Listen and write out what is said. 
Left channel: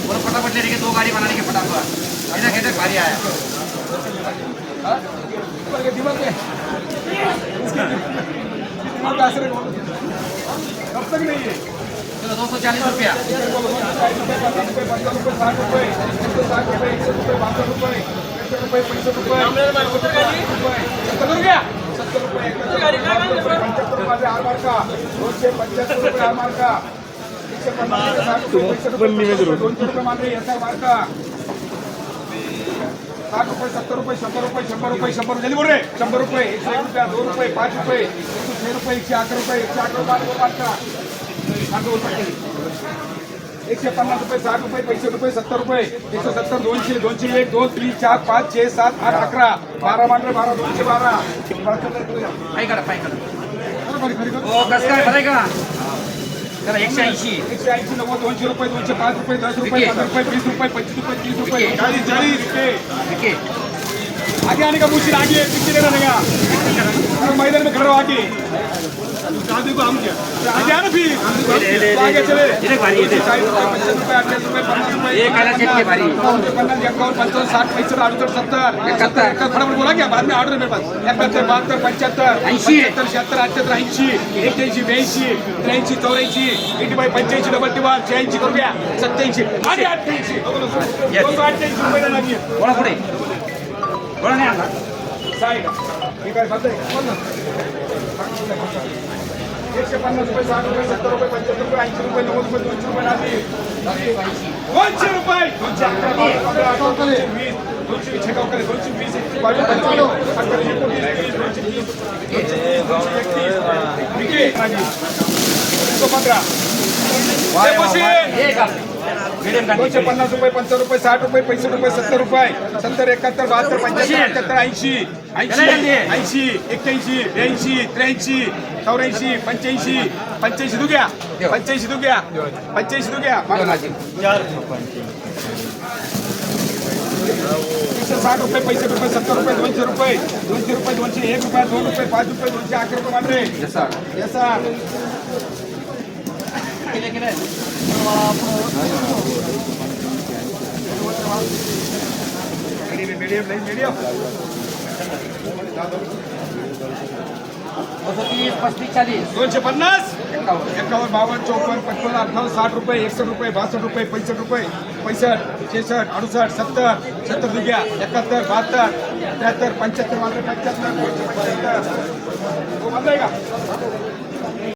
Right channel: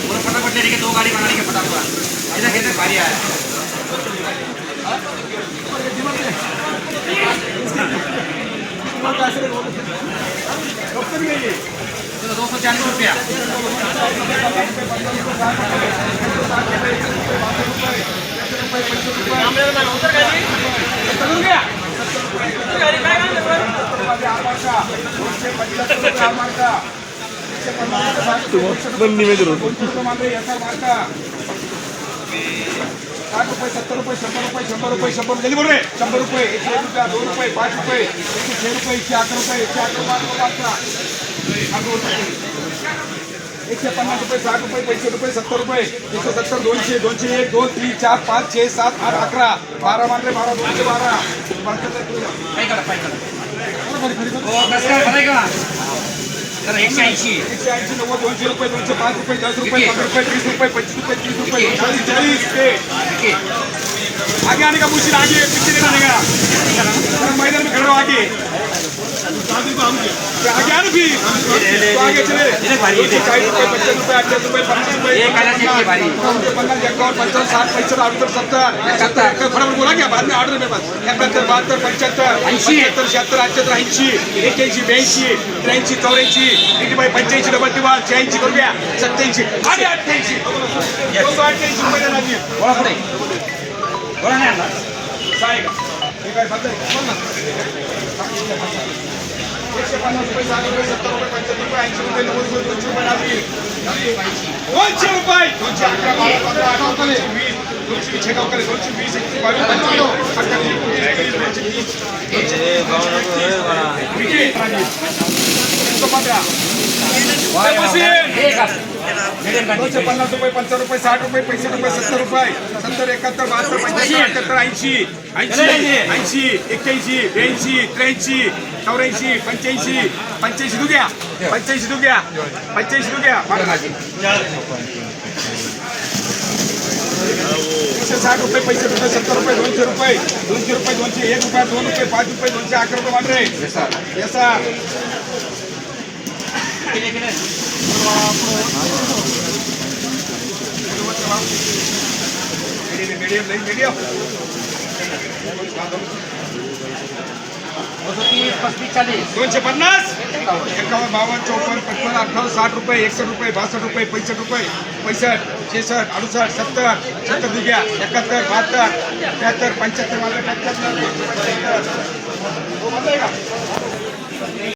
बोलो फटाफट ले रही दो गाड़ी बनाने के फटाफट ऐसा कहते भारी आया चलो दो सौ चालीस रुपया साठ रुपये सत्तर रुपये शंभर रुपये शंभर रुपये शंभर जल्दी बोल रे शंभर रुपये एकशे रुपया दोन रुपये पाच रुपये एकशे छे रुपये एकशे अकरा रुपये एकशे अकरा बारा रुपये अकरा अकरा रुपये एकशे पन्नास रुपये साठ रुपये सत्तर रुपये दोनशे दोनशे एक दोन तीन चार पाच छे सात आठ अकरा बारा दोनशे बारा पाय करा पाय करा हो कसं काय बरं आहे का चला एकशे ऐंशी एकशे ऐंशी नव्वद दोनशे रुपये दोनशे पाच रुपये दस रुपये पंधरा रुपये तीस रुपये पंचवीस रुपये तीस रुपये चाळीस चाळीस ते. ठीक आहे. आगे आने का मुश्किल आगे पीछे नहीं रहने मैदान में खड़ा हो आगे तो आगे पंच्याहत्तर अठ्याहत्तर ऐंशी एक्क्याऐंशी ब्याऐंशी त्र्याऐंशी चौऱ्याऐंशी एटी बाय पंच्याऐंशी डबल टी बार शहाऐंशी सत्याऐंशी अठ्ठ्याऐंशी अठ्ठ्याऐंशी रुपये एकशे पन्नास रुपये साठ रुपये सत्तर रुपये पंच्याहत्तर रुपये ऐंशी रुपये नव्वद रुपये दोनशे रुपये दोनशे रुपये दोनशे वीस दोनशे एकशे बावीस दोनशे पन्नास रुपये पंचावन्न रुपये साठ रुपये पैंसष्ट रुपये सत्तर रुपये. सत्तर एकाहत्तर बहात्तर पंच्याऐंशी अठ्याहत्तर ऐंशी. ऐंशी ऐंशी एक्क्याऐंशी ब्याऐंशी त्र्याऐंशी चौऱ्याऐंशी पंच्याऐंशी पंच्याऐंशी तू घ्या. पंच्याऐंशी तू घ्या. पंच्याऐंशी तू घ्या. एकशे साठ रुपये पैंसष्ट रुपये सत्तर रुपये दोनशे रुपये. दोनशे रुपये दोनशे एक रुपये दोन रुपये पाच रुपये दोनशे अकरा रुपये वाढले येसा मीडियम दोनशे साठ रुपये एकसष्ट रुपये रुपये पैंसष्ट रुपये पैंसष्ट छेसष्ट अडुसष्ट सत्तर सत्तर दुग्या एकाहत्तर बहात्तर